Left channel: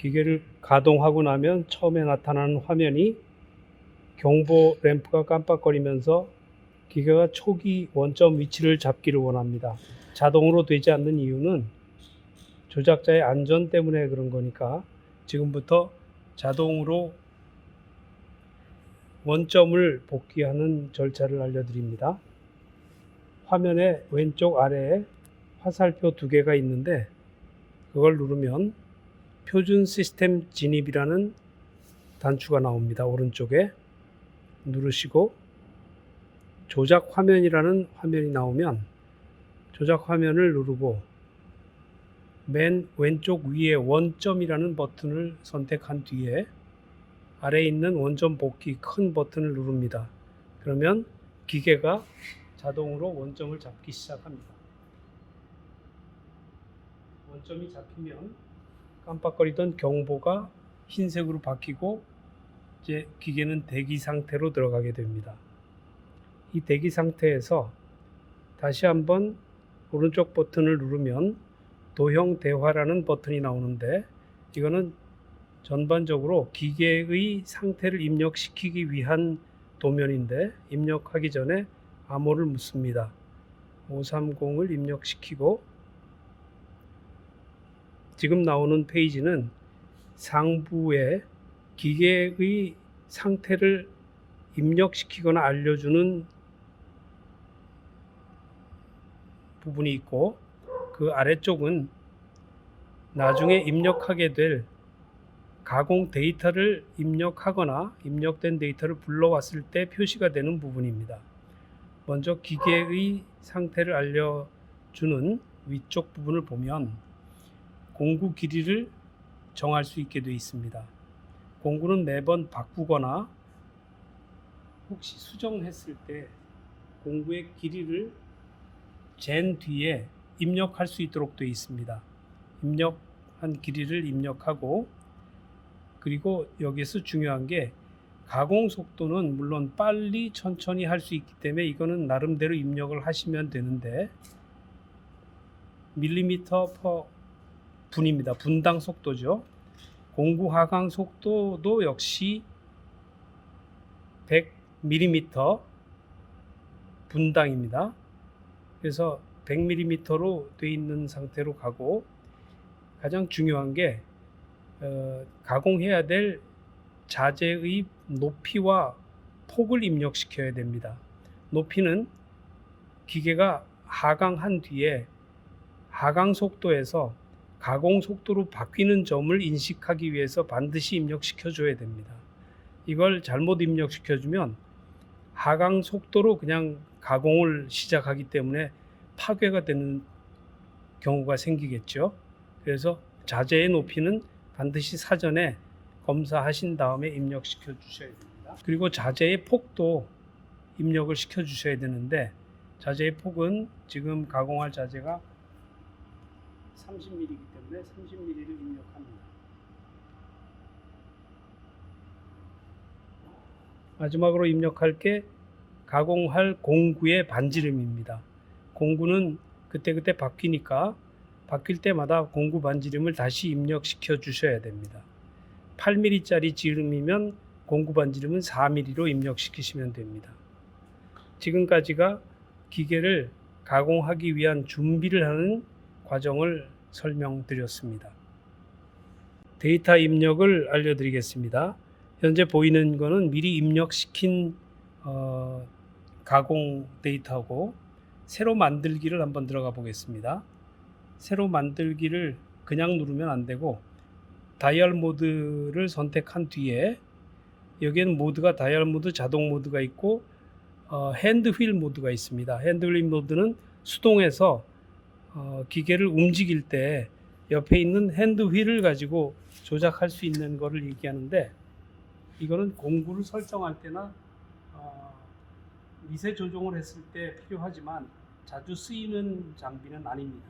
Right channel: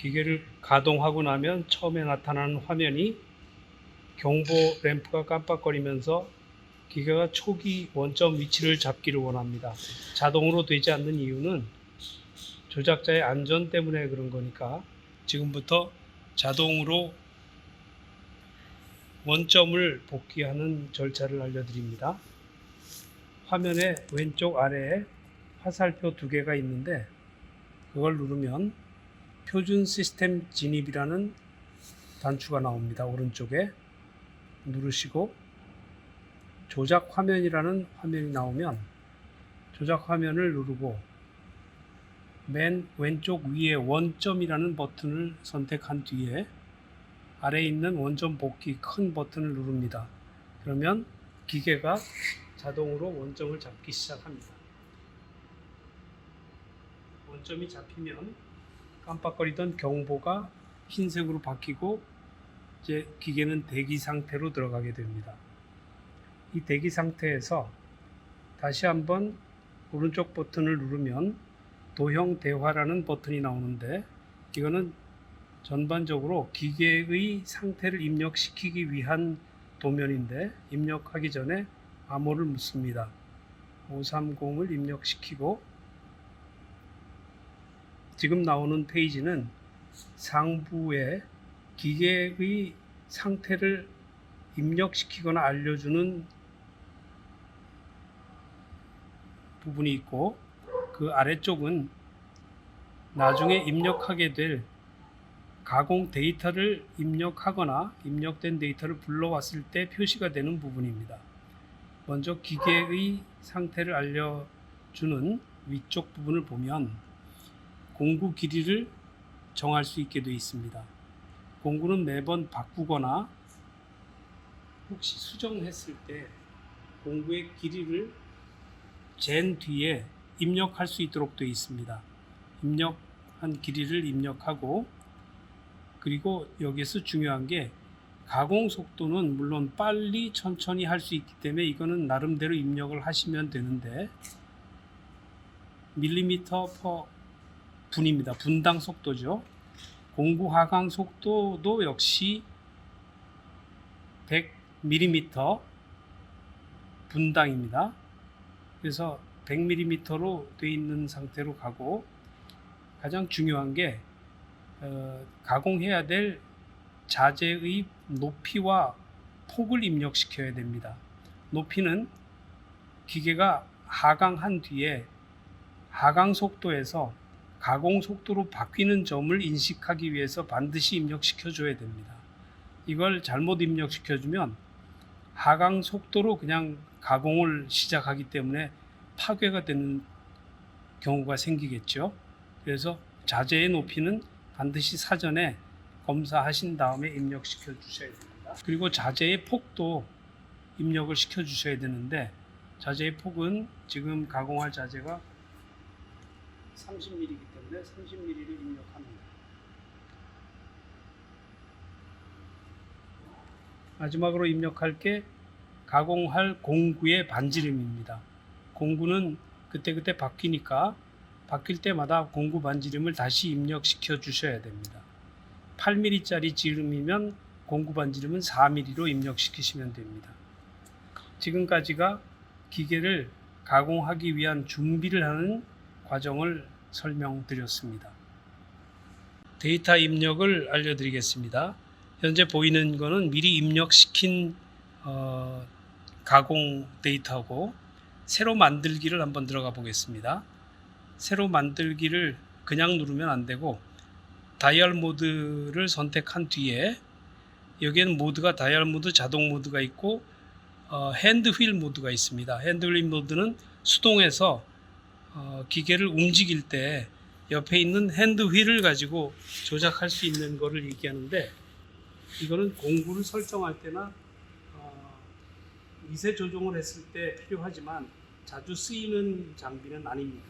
기계를 가동하고 나면 처음에 나타나는 화면이 경보 램프가 깜빡거리면서 기계가 초기 원점 위치를 잡기를 원합니다. 자동으로 되지 않는 이유는 조작자의 안전 때문에 그런 거니까 지금부터 자동으로 원점을 복귀하는 절차를 알려드립니다. 화면의 왼쪽 아래에 화살표 2개가 있는데 그걸 누르면 표준 시스템 진입이라는 단추가 나옵니다. 오른쪽에 누르시고 조작 화면이라는 화면이 나오면 조작 화면을 누르고 맨 왼쪽 위에 원점이라는 버튼을 선택한 뒤에 아래에 있는 원점 복귀 큰 버튼을 누릅니다. 그러면 기계가 자동으로 원점을 잡기 시작합니다. 원점이 잡히면 깜빡거리던 경보가 흰색으로 바뀌고 이제 기계는 대기 상태로 들어가게 됩니다. 이 대기 상태에서 다시 한번 오른쪽 버튼을 누르면 도형 대화라는 버튼이 나오는데 이거는 전반적으로 기계의 상태를 입력시키기 위한 도면인데 입력하기 전에 암호를 묻습니다. 530을 입력시키고 지금 나오는 페이지는 상부에 기계의 상태를 입력시키거나 알려주는 부분이 있고 그 아래쪽은 나중에 입력하게 될 가공 데이터를 입력하거나 입력된 데이터를 불러왔을 때 표시가 되는 부분입니다. 먼저 기계의 상태를 알려주는 위쪽 부분을 보면 공구 길이를 정할 수 있게 되어 있습니다. 공구는 매번 바꾸거나 혹시 수정했을 때 공구의 길이를 잰 뒤에 입력할 수 있도록 되어 있습니다. 입력한 길이를 입력하고 그리고 여기서 중요한 게 가공 속도는 물론 빨리 천천히 할 수 있기 때문에 이거는 나름대로 입력을 하시면 되는데 밀리미터 퍼 분입니다. 분당 속도죠. 공구 하강 속도도 역시 100mm 분당입니다. 그래서 100mm로 되어 있는 상태로 가고 가장 중요한 게 가공해야 될 자재의 높이와 폭을 입력시켜야 됩니다. 높이는 기계가 하강한 뒤에 하강 속도에서 가공 속도로 바뀌는 점을 인식하기 위해서 반드시 입력시켜 줘야 됩니다. 이걸 잘못 입력시켜 주면 하강 속도로 그냥 가공을 시작하기 때문에 파괴가 되는 경우가 생기겠죠. 그래서 자재의 높이는 반드시 사전에 검사하신 다음에 입력시켜 주셔야 됩니다. 그리고 자재의 폭도 입력을 시켜 주셔야 되는데 자재의 폭은 지금 가공할 자재가 30mm이기 때문에 30mm를 입력합니다. 마지막으로 입력할 게 가공할 공구의 반지름입니다. 공구는 그때그때 바뀌니까 바뀔 때마다 공구 반지름을 다시 입력시켜 주셔야 됩니다. 8mm짜리 지름이면 공구 반지름은 4mm로 입력시키시면 됩니다. 지금까지가 기계를 가공하기 위한 준비를 하는 과정을 설명드렸습니다. 데이터 입력을 알려드리겠습니다. 현재 보이는 것은 미리 입력시킨 가공 데이터고 새로 만들기를 한번 들어가 보겠습니다. 새로 만들기를 그냥 누르면 안 되고 다이얼 모드를 선택한 뒤에 여기에는 모드가 다이얼 모드, 자동 모드가 있고 핸드 휠 모드가 있습니다. 핸드 휠 모드는 수동에서 기계를 움직일 때 옆에 있는 핸드 휠을 가지고 조작할 수 있는 것을 얘기하는데 이거는 공구를 설정할 때나 미세 조정을 했을 때 필요하지만 자주 쓰이는 장비는 아닙니다.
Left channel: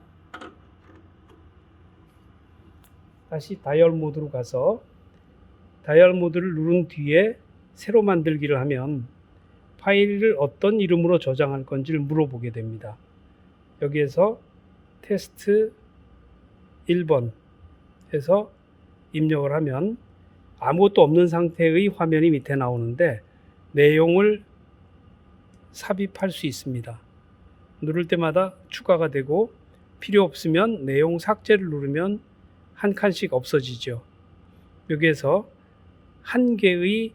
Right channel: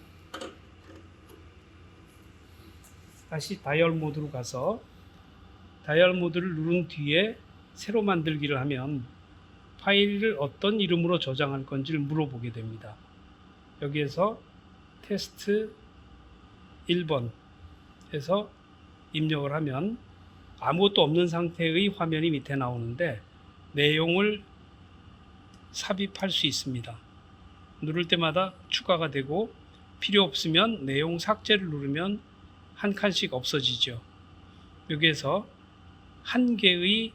다시 다이얼 모드로 가서 다이얼 모드를 누른 뒤에 새로 만들기를 하면 파일을 어떤 이름으로 저장할 건지를 물어보게 됩니다. 여기에서 테스트 1번 해서 입력을 하면 아무것도 없는 상태의 화면이 밑에 나오는데 내용을 삽입할 수 있습니다. 누를 때마다 추가가 되고 필요 없으면 내용 삭제를 누르면 한 칸씩 없어지죠. 여기에서 한 개의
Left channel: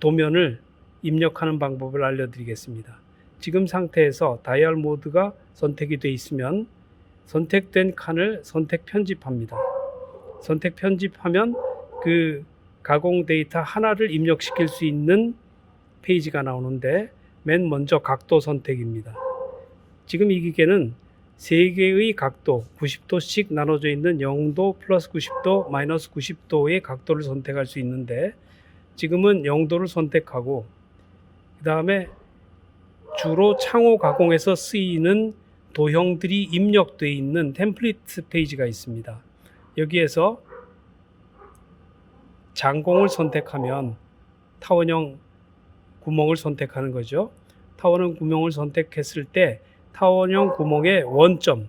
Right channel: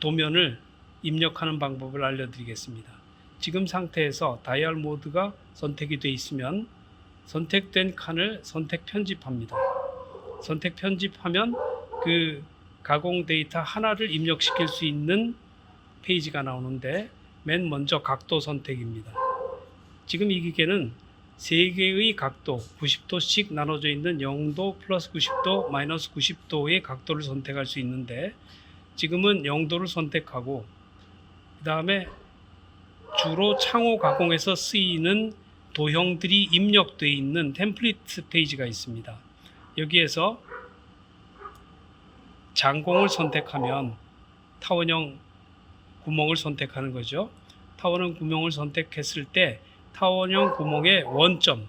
도면을 입력하는 방법을 알려드리겠습니다. 지금 상태에서 다이얼 모드가 선택이 되어 있으면 선택된 칸을 선택 편집합니다. 선택 편집하면 그 가공 데이터 하나를 입력시킬 수 있는 페이지가 나오는데 맨 먼저 각도 선택입니다. 지금 이 기계는 3개의 각도 90도씩 나눠져 있는 0도 플러스 90도 마이너스 90도의 각도를 선택할 수 있는데 지금은 0도를 선택하고 그 다음에 주로 창호 가공에서 쓰이는 도형들이 입력되어 있는 템플릿 페이지가 있습니다. 여기에서 장공을 선택하면 타원형 구멍을 선택하는 거죠. 타원형 구멍을 선택했을 때 타원형 구멍의 원점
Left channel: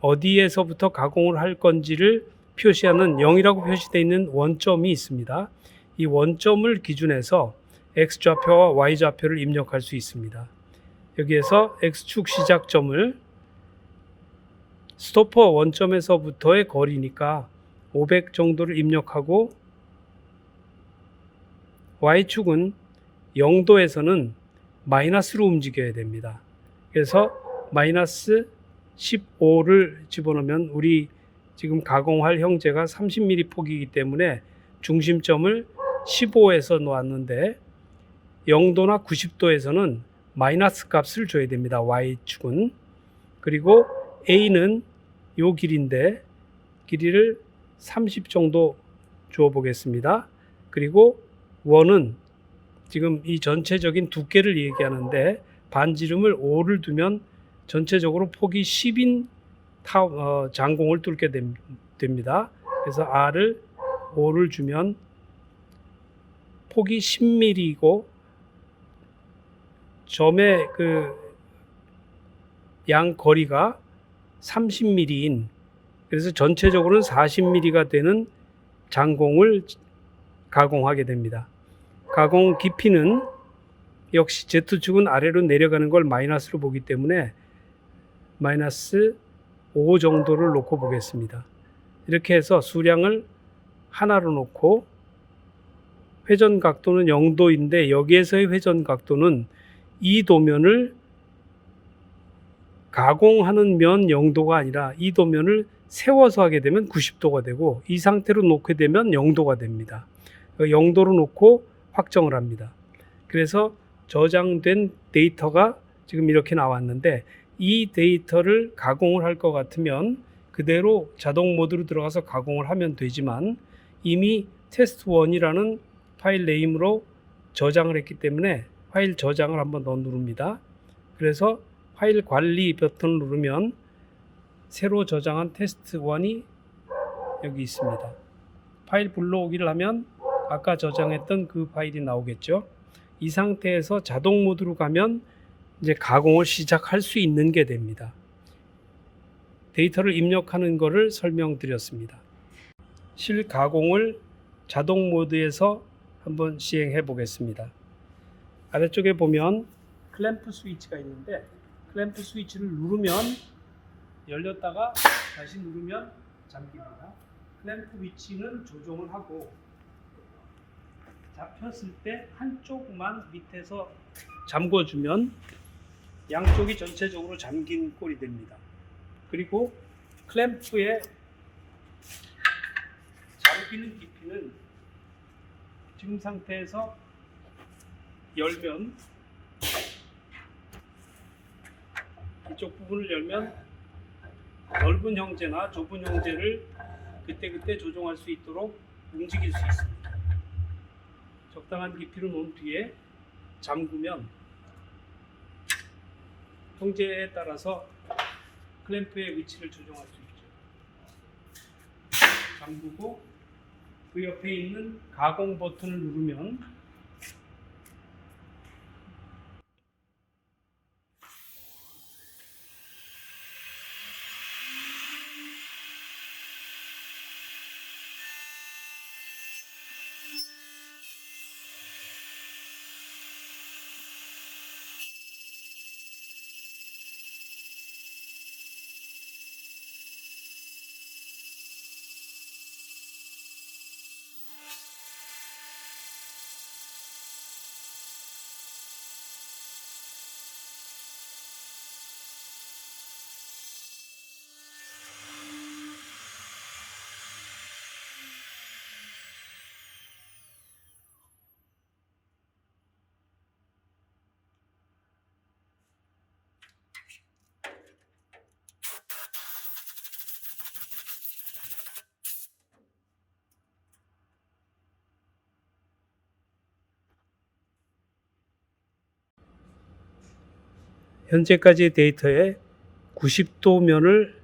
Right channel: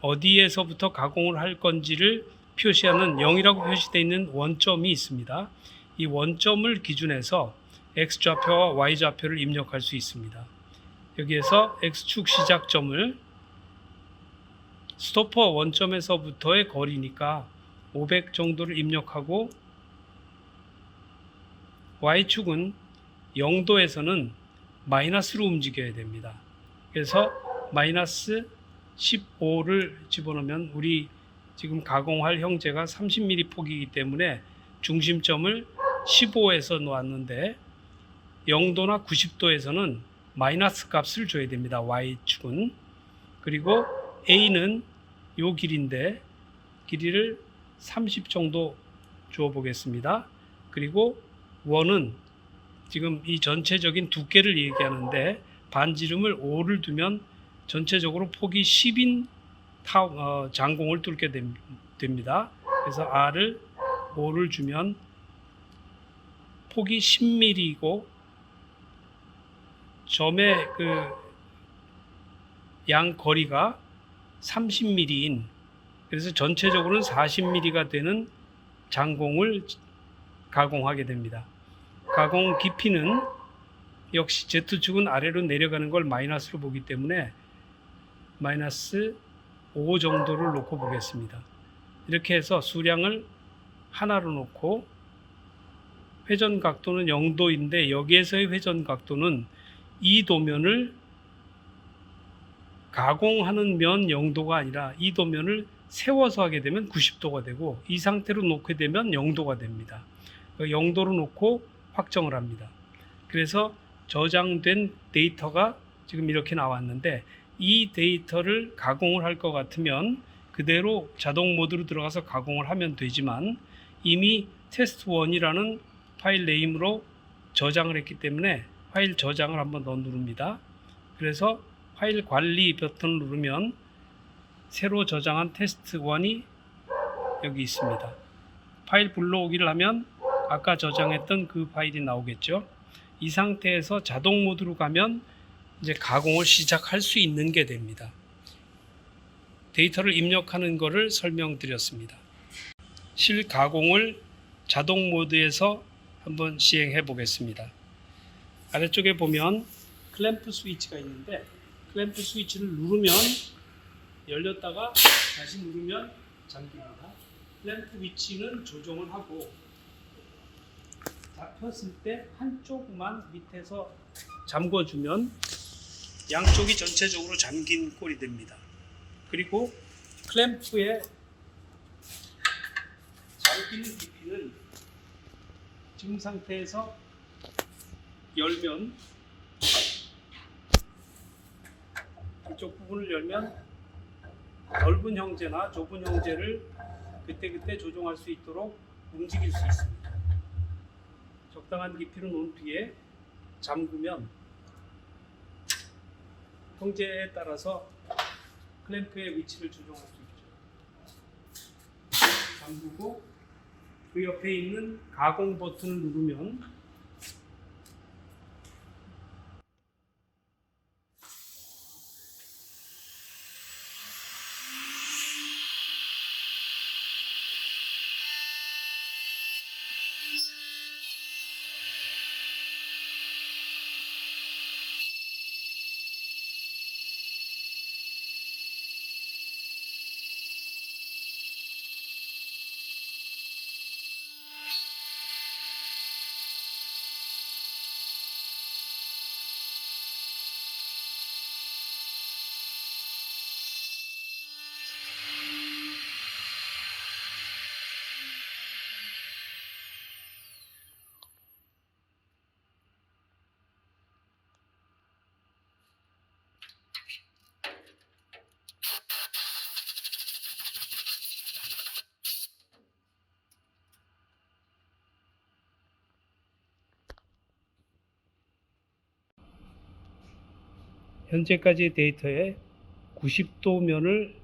어디에서부터 가공을 할 건지를 표시하는 0이라고 표시되어 있는 원점이 있습니다. 이 원점을 기준해서 X좌표와 Y좌표를 입력할 수 있습니다. 여기에서 X축 시작점을 스토퍼 원점에서부터의 거리니까 500 정도를 입력하고 Y축은 0도에서는 마이너스로 움직여야 됩니다. 그래서 마이너스 15를 집어넣으면 우리 지금 가공할 형제가 30mm 폭이기 때문에 중심점을 15에서 놓았는데 0도나 90도에서는 마이너스 값을 줘야 됩니다. Y축은. 그리고 A는 요 길인데 길이를 30 정도 주어 보겠습니다. 그리고 원은 지금 이 전체적인 두께를 얘기하는데 반지름을 5를 두면 전체적으로 폭이 10인 장공을 뚫게 됩니다. 그래서 R을 5를 주면 폭이 10mm이고 점의 그 양 거리가 30mm인 그래서 전체적으로는 40mm가 되는 장공을 가공하게 됩니다. 가공 깊이는 역시 Z축은 아래로 내려가는 걸 마이너스로 보기 때문에 마이너스 5 정도를 놓고 보겠습니다. 이렇게 해서 수량을 하나로 놓고 회전 각도는 0도인데 여기에서의 회전 각도는 이 도면을 가공하는 면 0도가 아니라 이 도면을 세워서 하게 되면 90도가 되고 이 상태로 놓게 되면 0도가 됩니다. 0도로 놓고 확정을 합니다. 그래서 저장된 데이터가 지금 이렇게 나왔는데 이 데이터를 가공을 할 것 같으면 그대로 자동 모드로 들어가서 가공을 하면 되지만 이미 test1이라는 파일 네임으로 저장을 했기 때문에 파일 저장을 한번 더 누릅니다. 그래서 파일 관리 버튼을 누르면 새로 저장한 test1이 여기 있습니다. 파일 불러오기를 하면 아까 저장했던 그 파일이 나오겠죠. 이 상태에서 자동 모드로 가면 이제 가공을 시작할 수 있는 게 됩니다. 데이터를 입력하는 것을 설명드렸습니다. 실가공을 자동 모드에서 한번 시행해 보겠습니다. 아래쪽에 보면 클램프 스위치가 있는데 클램프 스위치를 누르면 열렸다가 다시 누르면 잠깁니다. 클램프 위치는 조정을 하고 잡혔을 때 한쪽만 밑에서 잠궈주면 양쪽이 전체적으로 잠긴 꼴이 됩니다. 그리고 클램프의 잠기는 깊이는 지금 상태에서 열면 이쪽 부분을 열면 넓은 형제나 좁은 형제를 그때그때 조정할 수 있도록 움직일 수 있습니다. 적당한 깊이로 놓은 뒤에 잠그면 형제에 따라서 클램프의 위치를 조정할 수 있죠. 잠그고 그 옆에 있는 가공 버튼을 누르면 현재까지의 데이터에 90도 면을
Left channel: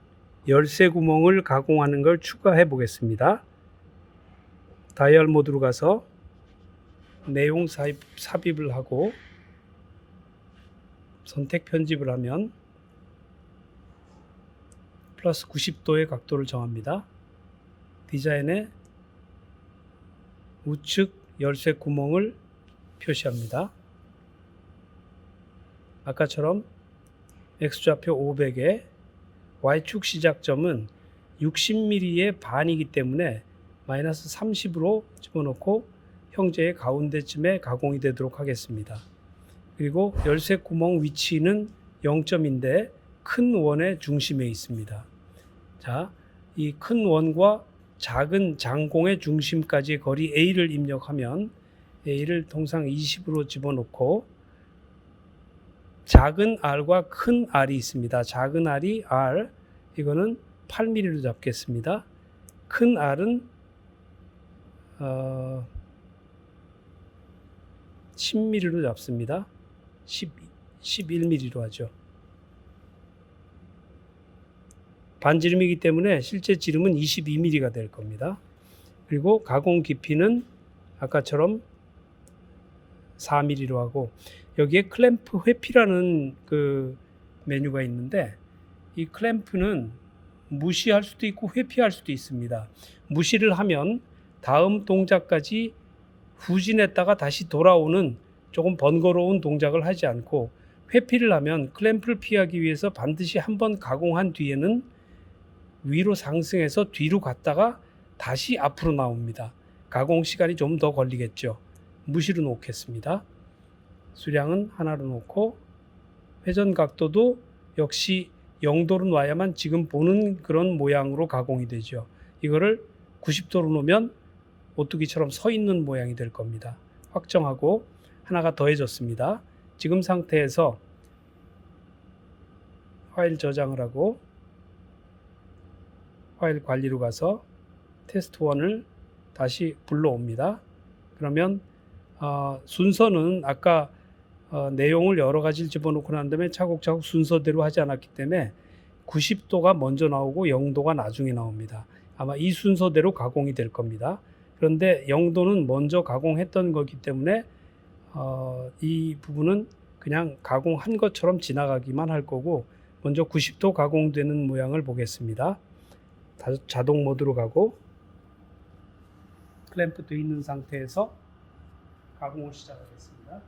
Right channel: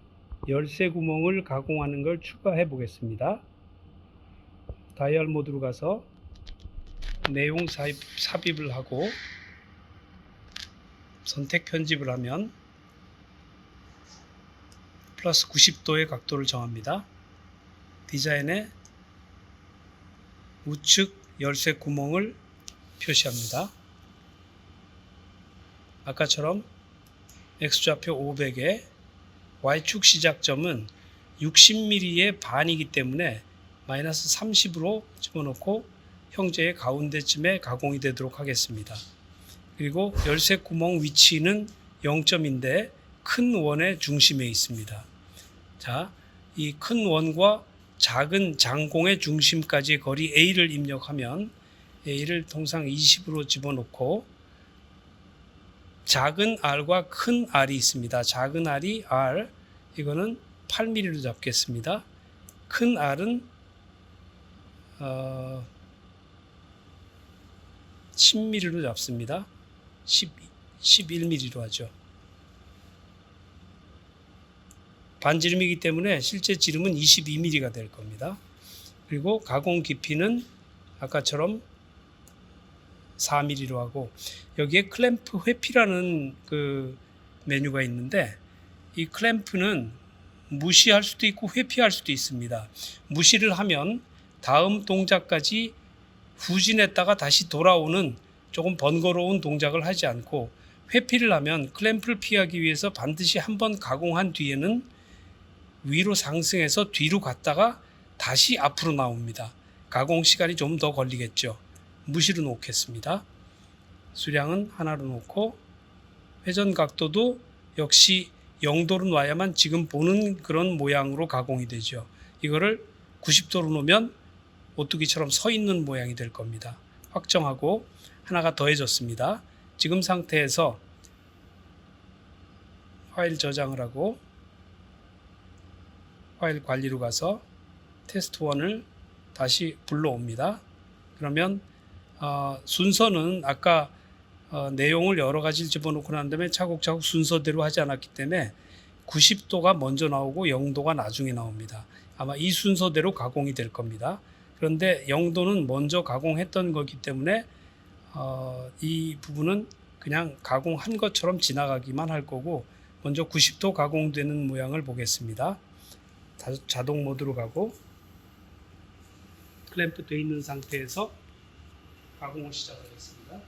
열쇠 구멍을 가공하는 걸 추가해 보겠습니다. 다이얼 모드로 가서 내용 삽입을 하고 선택 편집을 하면 플러스 90도의 각도를 정합니다. 디자인에 우측 열쇠 구멍을 표시합니다. 아까처럼 X좌표 500에 Y축 시작점은 60mm의 반이기 때문에 마이너스 30으로 집어넣고 형제의 가운데쯤에 가공이 되도록 하겠습니다. 그리고 열쇠 구멍 위치는 0점인데 큰 원의 중심에 있습니다. 자, 이 큰 원과 작은 장공의 중심까지의 거리 A를 입력하면 A를 통상 20으로 집어넣고 작은 R과 큰 R이 있습니다. 작은 R이 R, 이거는 8mm로 잡겠습니다. 큰 R은 10mm로 잡습니다. 11mm로 하죠. 반지름이기 때문에 실제 지름은 22mm가 될 겁니다. 그리고 가공 깊이는 아까처럼 4mm로 하고, 여기에 클램프 회피라는 그 메뉴가 있는데 이 클램프는 무시할 수도 있고 회피할 수도 있습니다. 무시를 하면 다음 동작까지 후진했다가 다시 돌아오는 조금 번거로운 동작을 하지 않고, 회피를 하면 클램프를 피하기 위해서 반드시 한번 가공한 뒤에는 위로 상승해서 뒤로 갔다가 다시 앞으로 나옵니다. 가공 시간이 좀 더 걸리겠죠. 무시로 놓겠습니다. 수량은 하나로 놓고 회전 각도도 역시 0도로 놔야만 지금 보는 그런 모양으로 가공이 되죠. 이거를 90도로 놓으면 오뚜기처럼 서 있는 모양이 될 겁니다. 확정하고 하나가 더해졌습니다. 지금 상태에서 파일 저장을 하고 파일 관리로 가서 테스트 1을 다시 불러옵니다. 그러면 순서는 아까 내용을 여러 가지를 집어넣고 난 다음에 차곡차곡 순서대로 하지 않았기 때문에 90도가 먼저 나오고 0도가 나중에 나옵니다. 아마 이 순서대로 가공이 될 겁니다. 그런데 0도는 먼저 가공했던 거기 때문에 이 부분은 그냥 가공한 것처럼 지나가기만 할 거고, 먼저 90도 가공되는 모양을 보겠습니다. 자동 모드로 가고 클램프 되어 있는 상태에서 가공을 시작하겠습니다.